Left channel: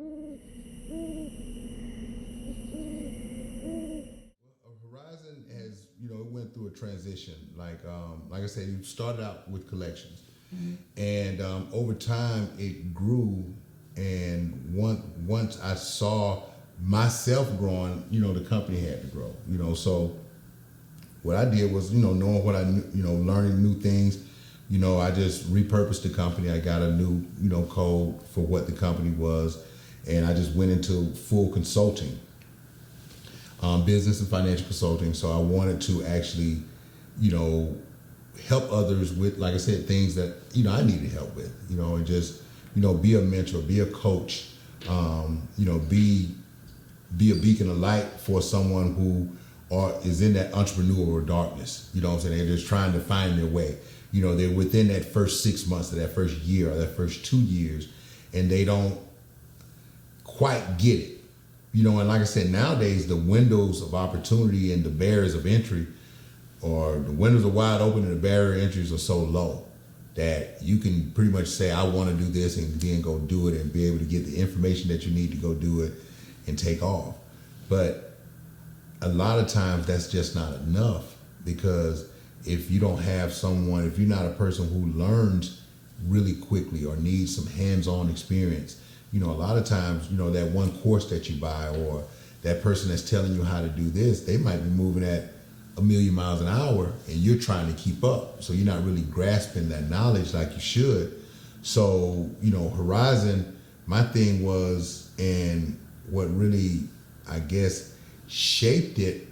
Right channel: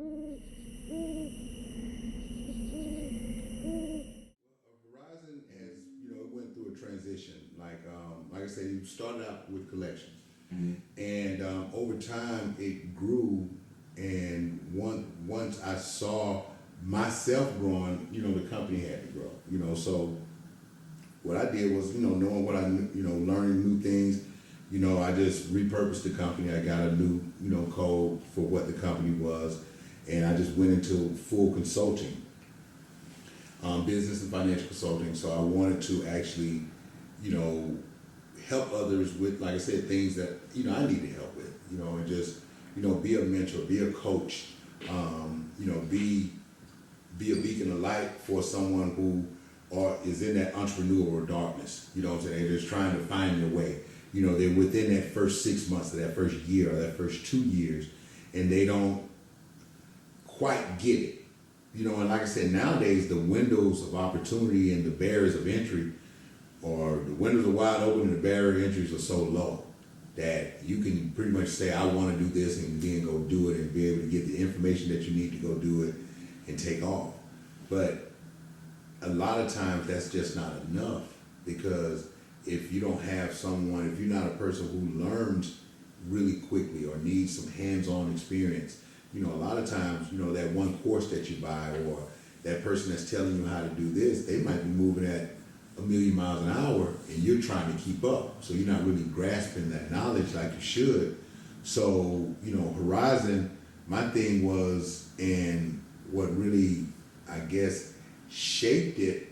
Horizon has, it went through a transition. Like I said, you started out with collections, and over time it grew. And once I saw myself growing, the company had to grow. So what I did was, knowing what I knew, learning new things. I just repurposed the company. I got a new, code for what the company was, and I just went into full consulting, business and financial consulting. So I wanted to actually, you know, help others with, like I said, things that, I needed help with, and just, be a mentor, be a coach, be a beacon of light for someone who is in that entrepreneurial darkness. You know what I'm saying? They're just trying to find their way. They're within that first 6 months, or that first year, or that first 2 years, and they don't quite get it. And like I said, nowadays the windows of opportunity and the barriers of entry, or the windows are wide open and the barrier entries are so low that you can pretty much say, I want to do this, and then go do it and be able to get the information that you need to go do it and take off. But a lot of times that's just not enough, because if you don't have someone, if you're not a person who learns really quickly or needs some hands-on experience, a lot of times, that one course that you buy, or that person that's telling you how to do this, they might be moving at 1,000,000 miles an hour and you're trying to keep up. So you're not really grasping that knowledge like you should. So, Horizon, my thing was, and what really, I guess, shaped it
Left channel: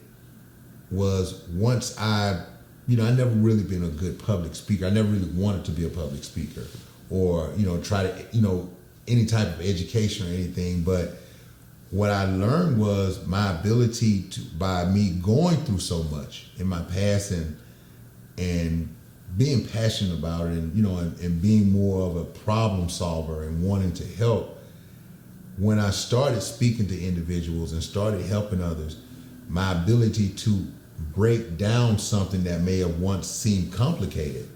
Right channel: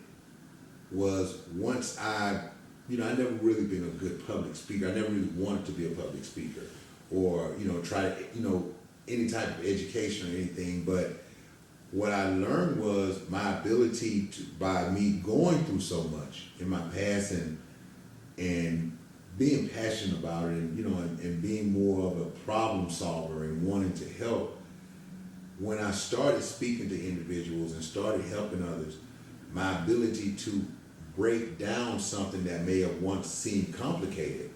was once I never really been a good public speaker. I never really wanted to be a public speaker, or, try to, any type of education or anything. But what I learned was my ability to, by me going through so much in my past, and being passionate about it, and being more of a problem solver and wanting to help. When I started speaking to individuals and started helping others, my ability to break down something that may have once seemed complicated,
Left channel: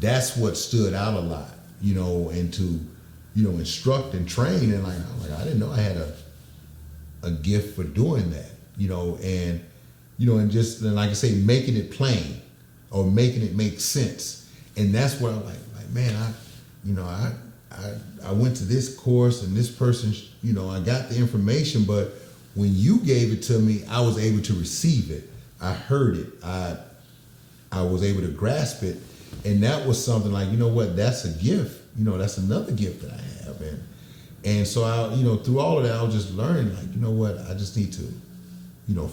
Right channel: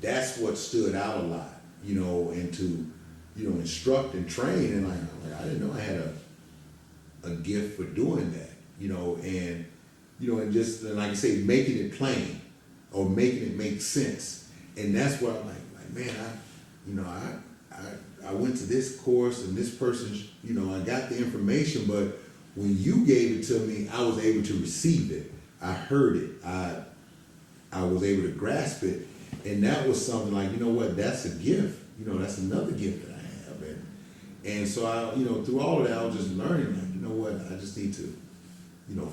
that's what stood out a lot, and to, instruct and train. And I didn't know I had a gift for doing that, and just, and like I say, making it plain or making it make sense. And that's what I'm like, man, I went to this course, and this person, I got the information, but when you gave it to me, I was able to receive it. I heard it. I was able to grasp it. And that was something like, that's a gift. That's another gift that I have. And so I, through all of that, I was just learning, like, I just need to,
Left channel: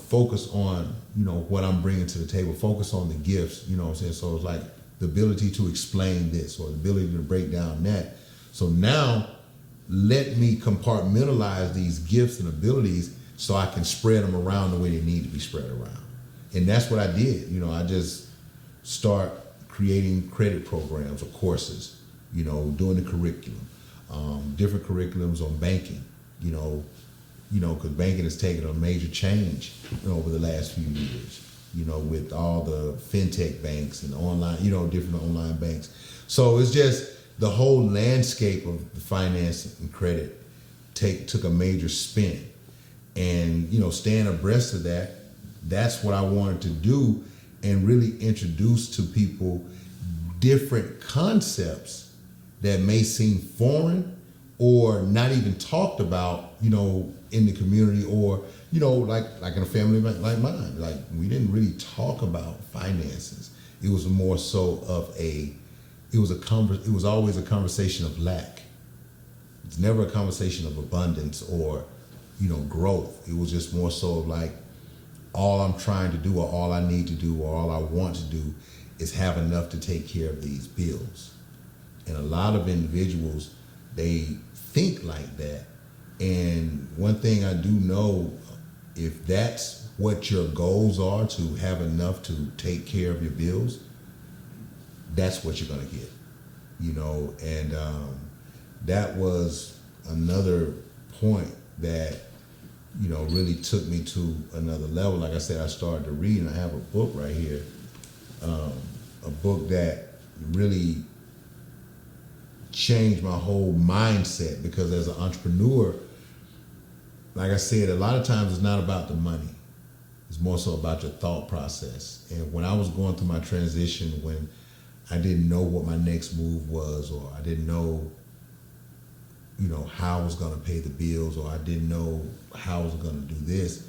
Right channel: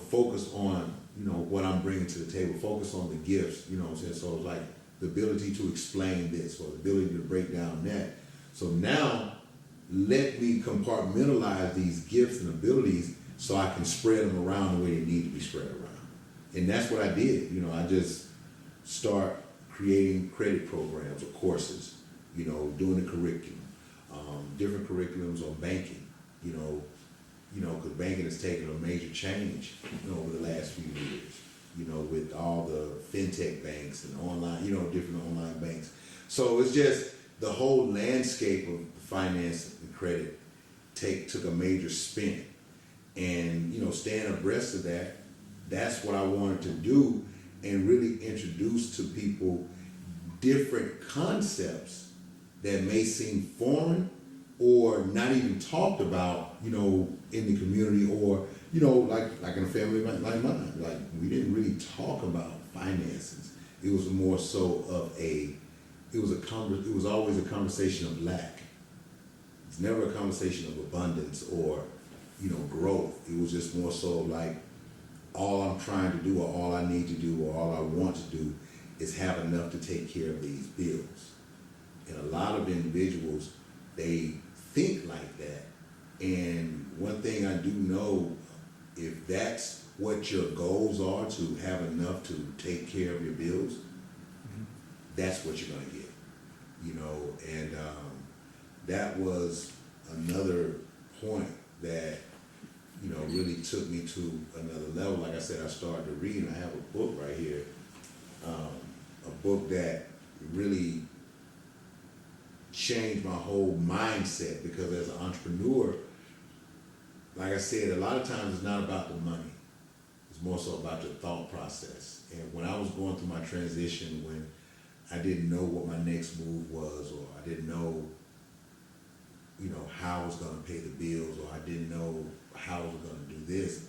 focus on, what I'm bringing to the table, focus on the gifts, what I'm saying? So it's like the ability to explain this, or the ability to break down that. So now let me compartmentalize these gifts and abilities so I can spread them around the way they need to be spread around. And that's what I did. I just start creating credit programs or courses, doing the curriculum, different curriculums on banking, because banking has taken a major change over the last few years, with all the fintech banks and online, different online banks. So it's just the whole landscape of finance and credit took a major spin. And, staying abreast of that, that's what I wanted to do, and really introduce to people different concepts that may seem foreign or not even talked about, in the community, or, like in a family like mine. Like, we didn't really talk about finances. It was more so of it was always a conversation of lack. It's never a conversation of abundance or, growth. It was just more so of like, all I'm trying to do, or all I need to do, or all I want to do is have enough to take care of these bills. And a lot of individuals, they think like that. And one thing I do know, if that's what your goals are, to have enough to take care of your bills, that's what you're going to get, and that was another point that, really took me to another level. Like I said, I started to read, and I have a book right here, a book that really changed my whole mindset, because as an entrepreneur, like I said, a lot of times it's not about the money. It's more so about your thought process. And when I was going through my transition, when I didn't know what my next move was, or I didn't know, how I was going to pay the bills, or I didn't know how I was going to do this,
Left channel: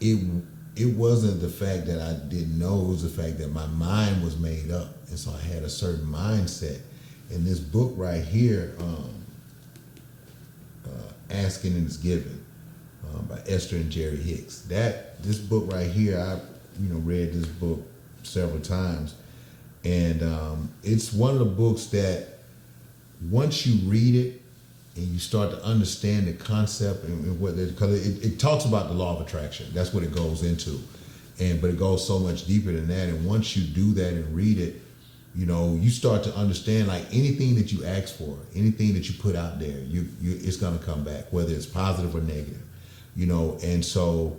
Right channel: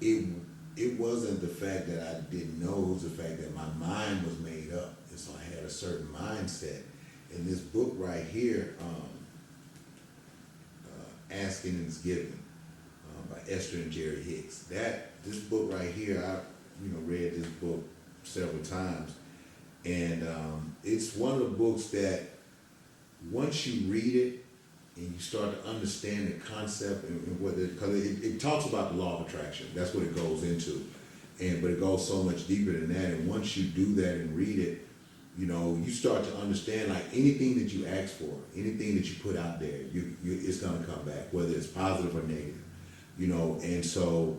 it wasn't the fact that I didn't know, it was the fact that my mind was made up. And so I had a certain mindset. And this book right here, Asking and Is Given, by Esther and Jerry Hicks. This book right here, I read this book several times, and it's one of the books that once you read it and you start to understand the concept and what because it talks about the law of attraction. That's what it goes into, but it goes so much deeper than that. And once you do that and read it, you start to understand, like, anything that you ask for, anything that you put out there, it's gonna come back, whether it's positive or negative. And so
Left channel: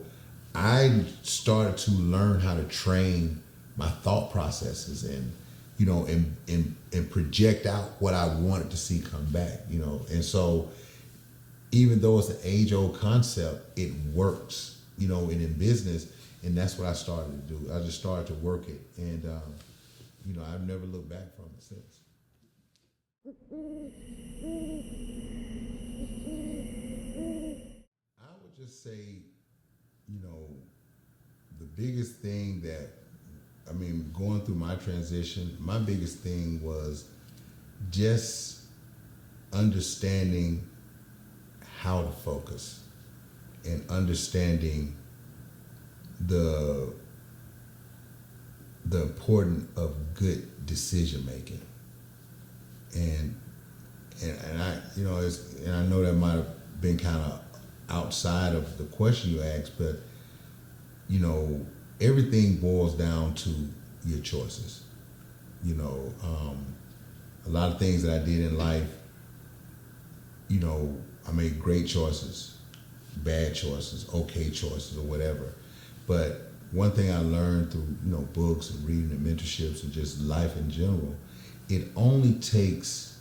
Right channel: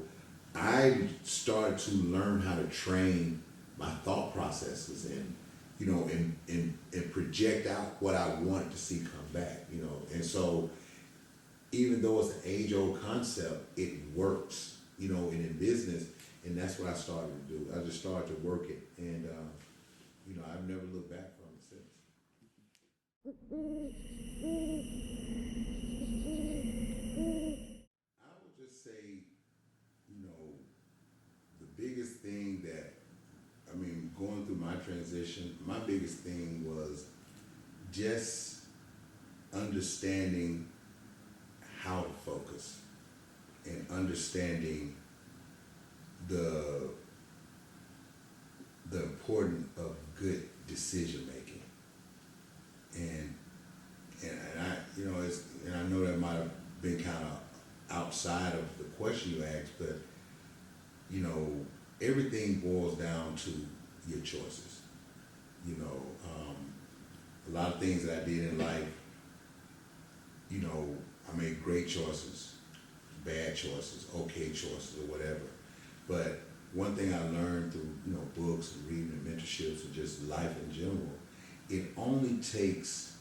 I started to learn how to train my thought processes and and project out what I wanted to see come back, and so even though it's an age-old concept, it works, and in business, and that's what I started to do. I just started to work it, and I've never looked back from it since. I would just say, the biggest thing that, going through my transition, my biggest thing was just understanding how to focus and understanding the importance of good decision making. And I, and I know that might have been kind of outside of the question you asked, but everything boils down to your choices. A lot of things that I did in life, I made great choices, bad choices, okay choices, or whatever. But one thing I learned through, books and reading and mentorships and just life in general, it only takes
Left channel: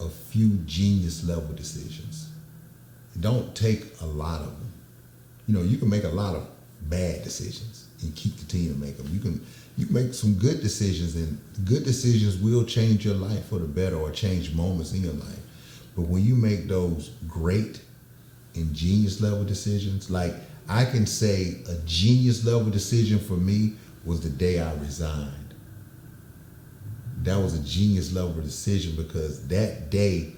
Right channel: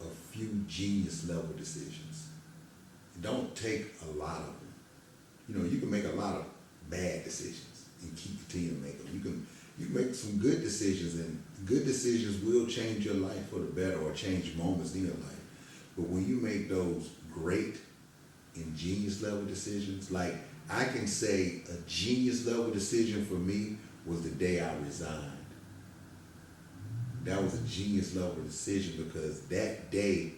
a few genius level decisions. It don't take a lot of them. You can make a lot of bad decisions and continue to make them. You can make some good decisions, and good decisions will change your life for the better or change moments in your life. But when you make those great and genius level decisions, like I can say a genius level decision for me was the day I resigned. That was a genius level decision because that day,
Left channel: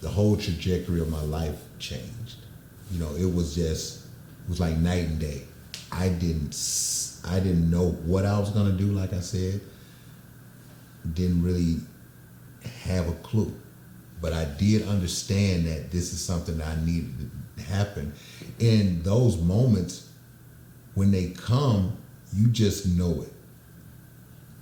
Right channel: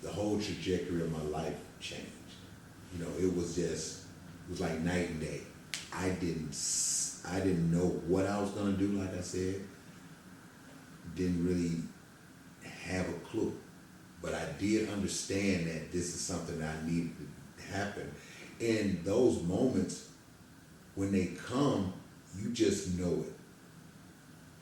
the whole trajectory of my life changed. It was like night and day. I didn't know what I was gonna do, like I said. Didn't really have a clue. But I did understand that this is something that I needed to happen. In those moments, when they come, you just know it.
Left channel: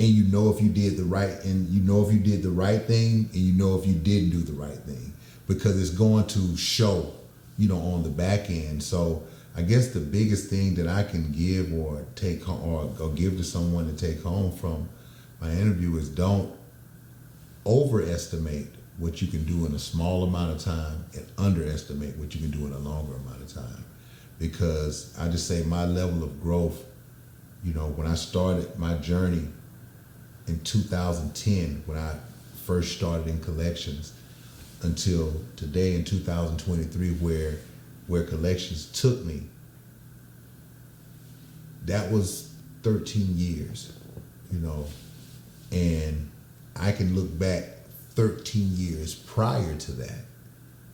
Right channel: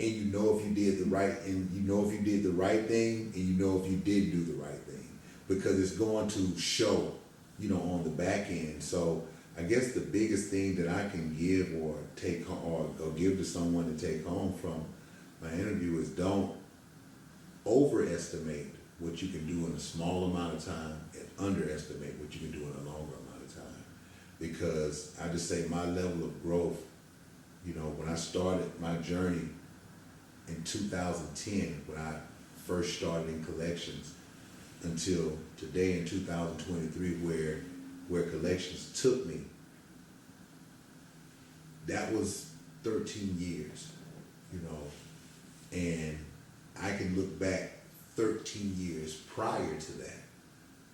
And you know if you did the right, and you know if you did the right thing, and you know if you didn't do the right thing. Because it's going to show, on the back end. So I guess the biggest thing that I can give or take home, or give to someone to take home from my interview is don't overestimate what you can do in a small amount of time and underestimate what you can do in a longer amount of time. Because I just say my level of growth, when I started my journey in 2010, when I first started in collections, until today in 2023, where collections took me, that was 13 years, and I can look back 13 years prior to that,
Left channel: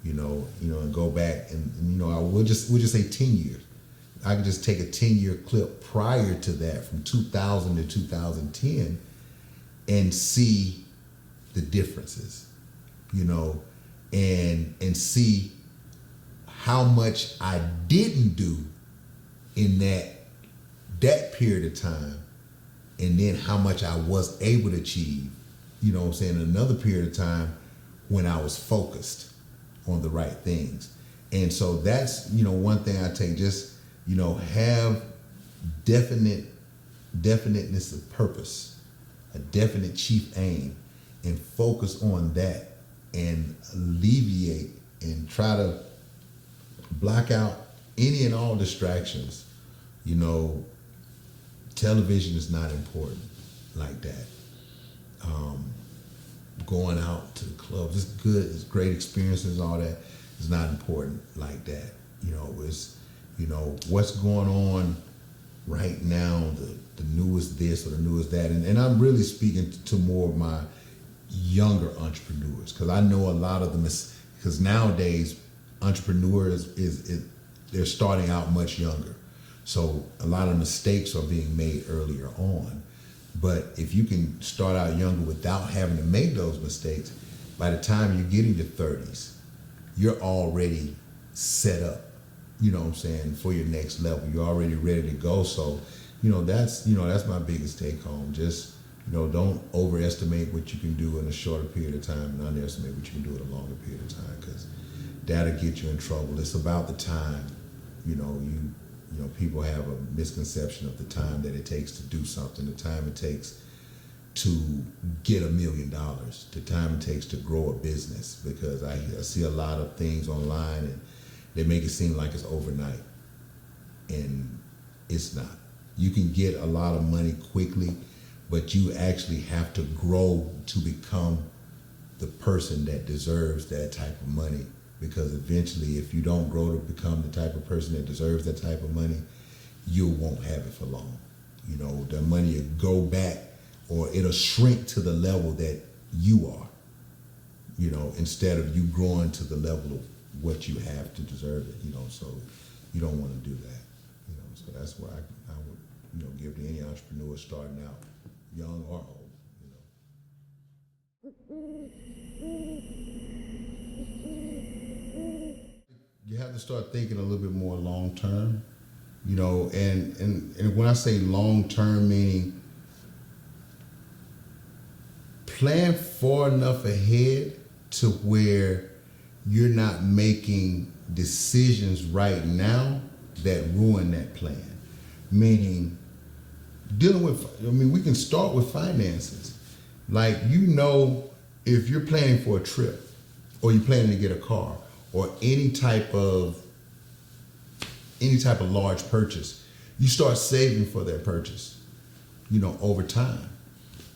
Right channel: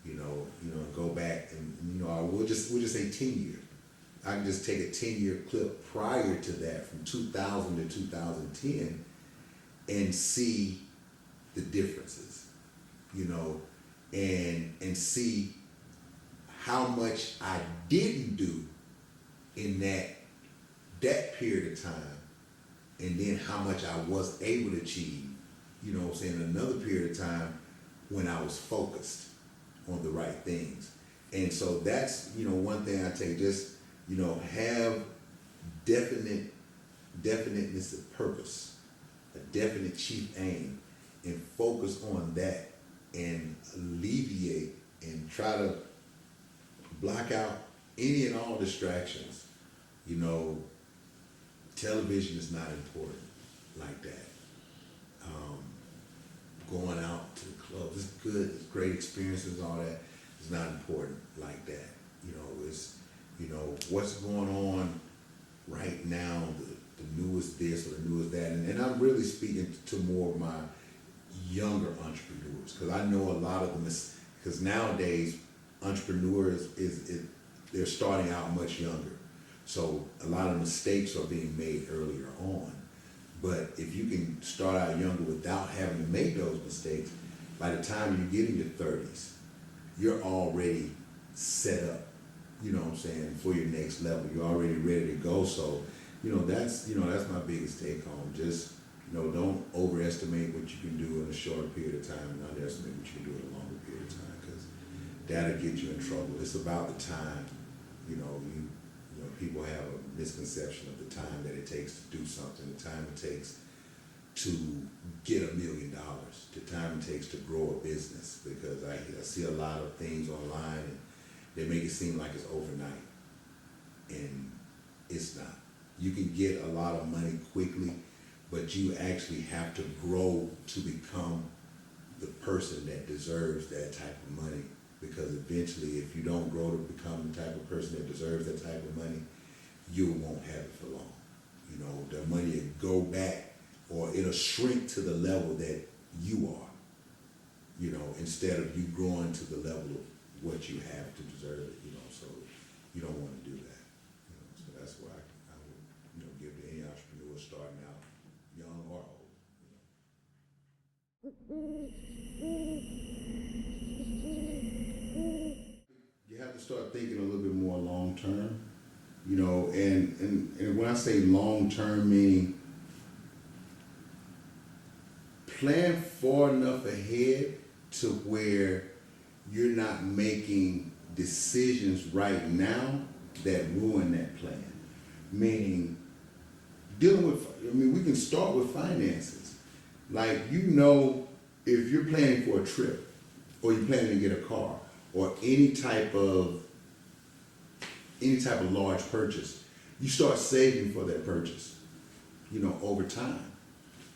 and go back and we'll just say 10 years. I could just take a 10-year clip prior to that, from 2000 to 2010, and see the differences, and see how much I didn't do in that period of time, and then how much I was able to achieve, another period of time when I was focused on the right things. And so that's, one thing I take, just, have definiteness of purpose, a definite chief aim, and focus on that, and alleviate and try to block out any and all distractions. You know, television is not important like that. Going out to the clubs, it's good, it's great experiences, all that is not important like that. It's, what's going on right now, the newest this or the newest that. And I'm really speaking to more of my younger entrepreneurs, because I know a lot of them, because nowadays entrepreneurs they're starting out much younger. So a lot of mistakes are being made earlier on. But if you can start out younger without having to make those mistakes, by the time you get in your 30s, you're already set up, for your next level. You're already ready to go. So, that's my biggest take home. Just, don't overestimate what you can do in a shorter period of time and underestimate what you can do in a longer period of time, because that'll get you in trouble. It's about the time. People have a misconception of the time that it takes to do something, the time it takes to get $1 million, the time it takes to grow a business, because I see a lot of things online and they make it seem like it's overnight, and it's not. You can get a lot of money quickly, but you actually have to grow to become the person that deserves that type of money. Because eventually, if you don't grow to become the type of person that deserves that type of money, you won't have it for long. The money will go back, or it'll shrink to the level that you are, instead of you growing to the level of what you have to deserve it, so you don't want to do that. So that's why I would, give to any entrepreneur starting out, young or old. You have to start thinking a little bit more long term, and when I say long term, meaning plan far enough ahead to where you're not making decisions right now that ruin that plan. Meaning, we can start with finances. Like, if you're planning for a trip, or you're planning to get a car, or any type of large purchase, you start saving for that purchase, over time.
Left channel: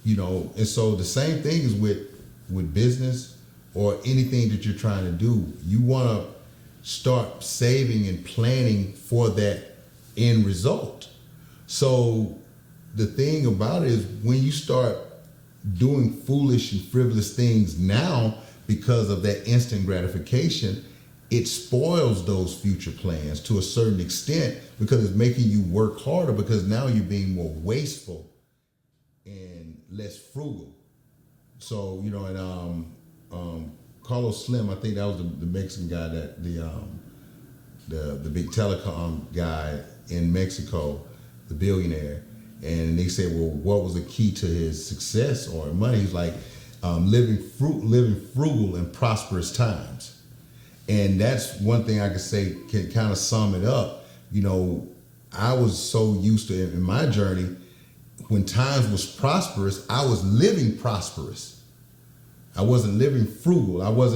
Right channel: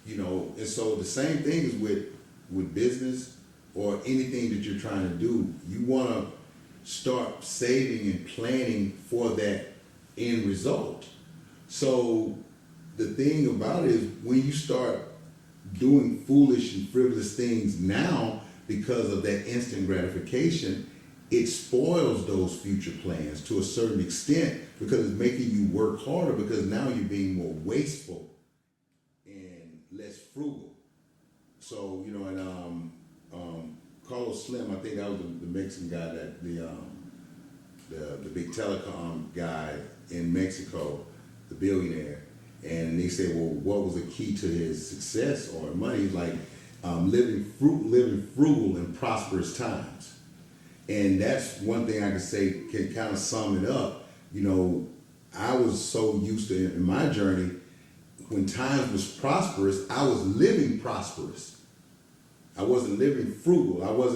And so the same thing is with business or anything that you're trying to do. You want to start saving and planning for that end result. So the thing about it is, when you start doing foolish and frivolous things now because of that instant gratification, it spoils those future plans to a certain extent, because it's making you work harder, because now you're being more wasteful and less frugal. So, and Carlos Slim, I think that was the Mexican guy, that the big telecom guy in Mexico, the billionaire. And they said, well, what was the key to his success or money? He's like, living frugal in prosperous times. And that's one thing I could say can kind of sum it up. I was so used to, in my journey, when times was prosperous, I was living prosperous. I wasn't living frugal. I was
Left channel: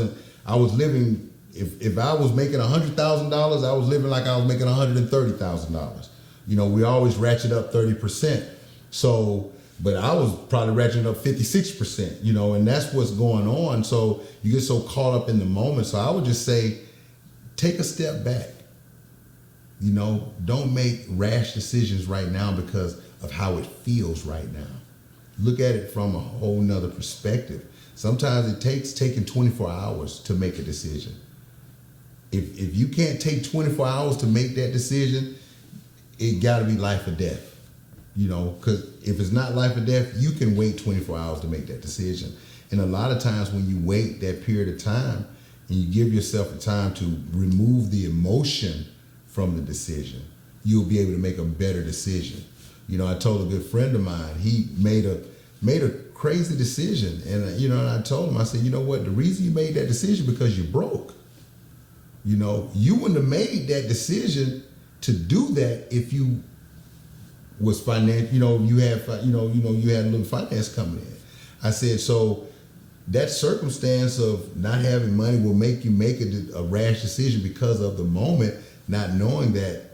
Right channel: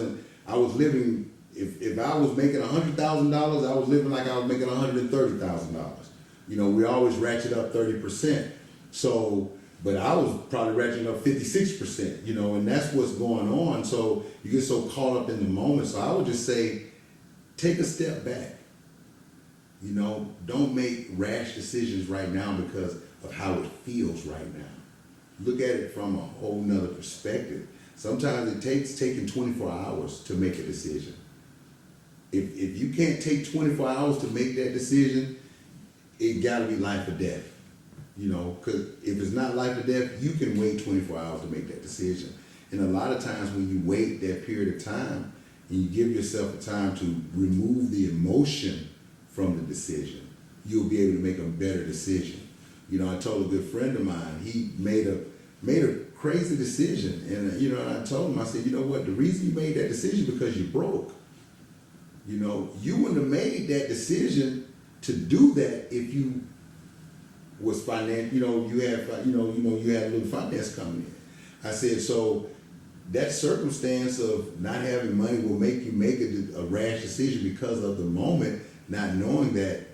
living, if I was making $100,000, I was living like I was making $130,000. We always ratchet up 30%. So, but I was probably ratcheting up 56%, and that's what's going on. So you get so caught up in the moment. So I would just say, take a step back. Don't make rash decisions right now because of how it feels right now. Look at it from a whole nother perspective. Sometimes it takes taking 24 hours to make a decision. If you can't take 24 hours to make that decision, it got to be life or death. Because if it's not life or death, you can wait 24 hours to make that decision. And a lot of times when you wait that period of time and you give yourself the time to remove the emotion from the decision, you'll be able to make a better decision. I told a good friend of mine, he made a crazy decision. And, and I told him, I said, what, the reason you made that decision because you're broke. You wouldn't have made that decision to do that if you was financial, you had a little finance coming in. I said, so that circumstance of not having money will make you make a rash decision because of the moment not knowing that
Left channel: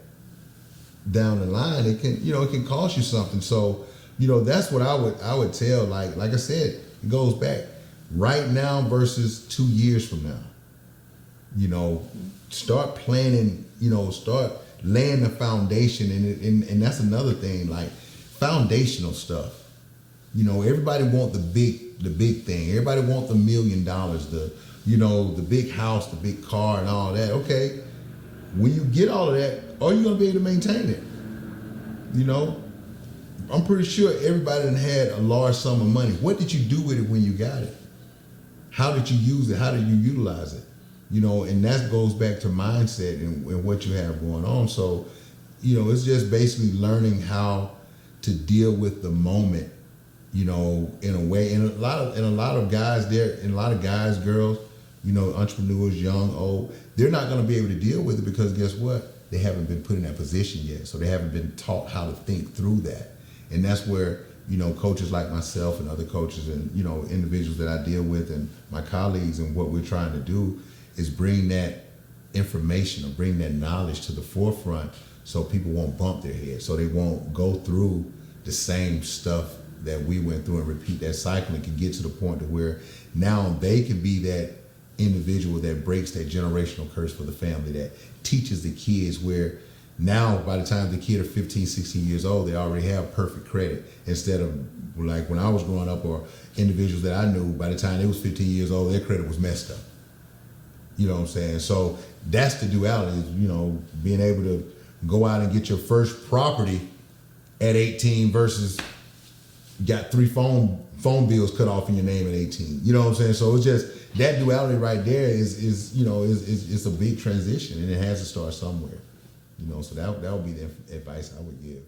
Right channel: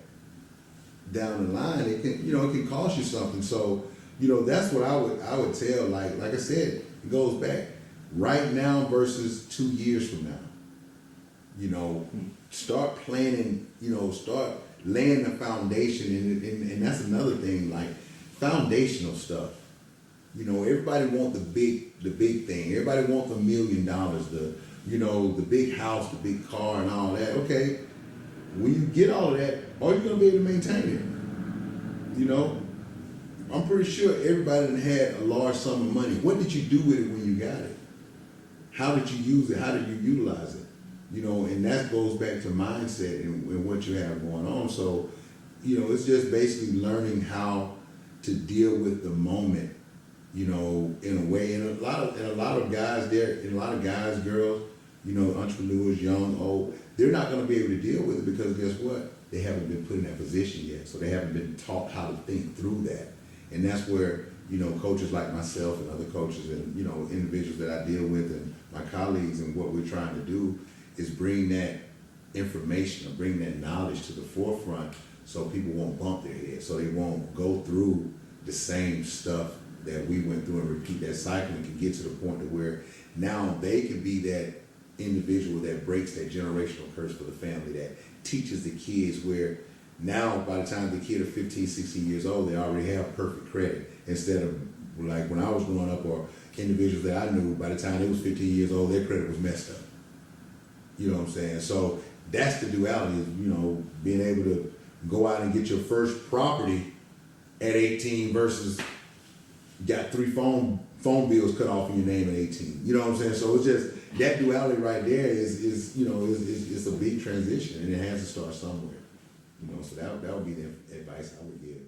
down the line it can cost you something. So that's what I would tell. Like I said, it goes back right now versus 2 years from now. Start planning. Start laying the foundation, and that's another thing. Like foundational stuff. Everybody want the big thing. Everybody want the $1 million, the big house, the big car, and all that. Okay, when you get all of that, are you gonna be able to maintain it? I'm pretty sure everybody done had a large sum of money. What did you do with it when you got it? How did you use it? How did you utilize it? And that goes back to mindset and what you have going on. So, it's just basically learning how to deal with the moment, in a way. And a lot of guys, girls, entrepreneurs, young, old, they're not going to be able to deal with it because guess what? They haven't been put in that position yet. So they haven't been taught how to think through that. And that's where, coaches like myself and other coaches and, individuals that I deal with and my colleagues, and what we're trying to do is bring that information or bring that knowledge to the forefront so people won't bump their head, so they won't go through the same stuff that we went through and repeat that cycle, and can get to the point to where now they can be that individual that breaks that generational curse for the family, that teaches the kids, where now by the time the kid are 15, 16 years old, they already have perfect credit, instead of like when I was growing up, or individuals that I knew, by the time they was 15 years old, their credit was messed up. You know what I'm saying? So that's the duality, is, being able to go out and get your first property at 18 versus got 3 phone bills cut off in your name at 18. You know what I'm saying? So it's just that duality right there is a big transition, and it has to start somewhere. So that would be the advice I would give.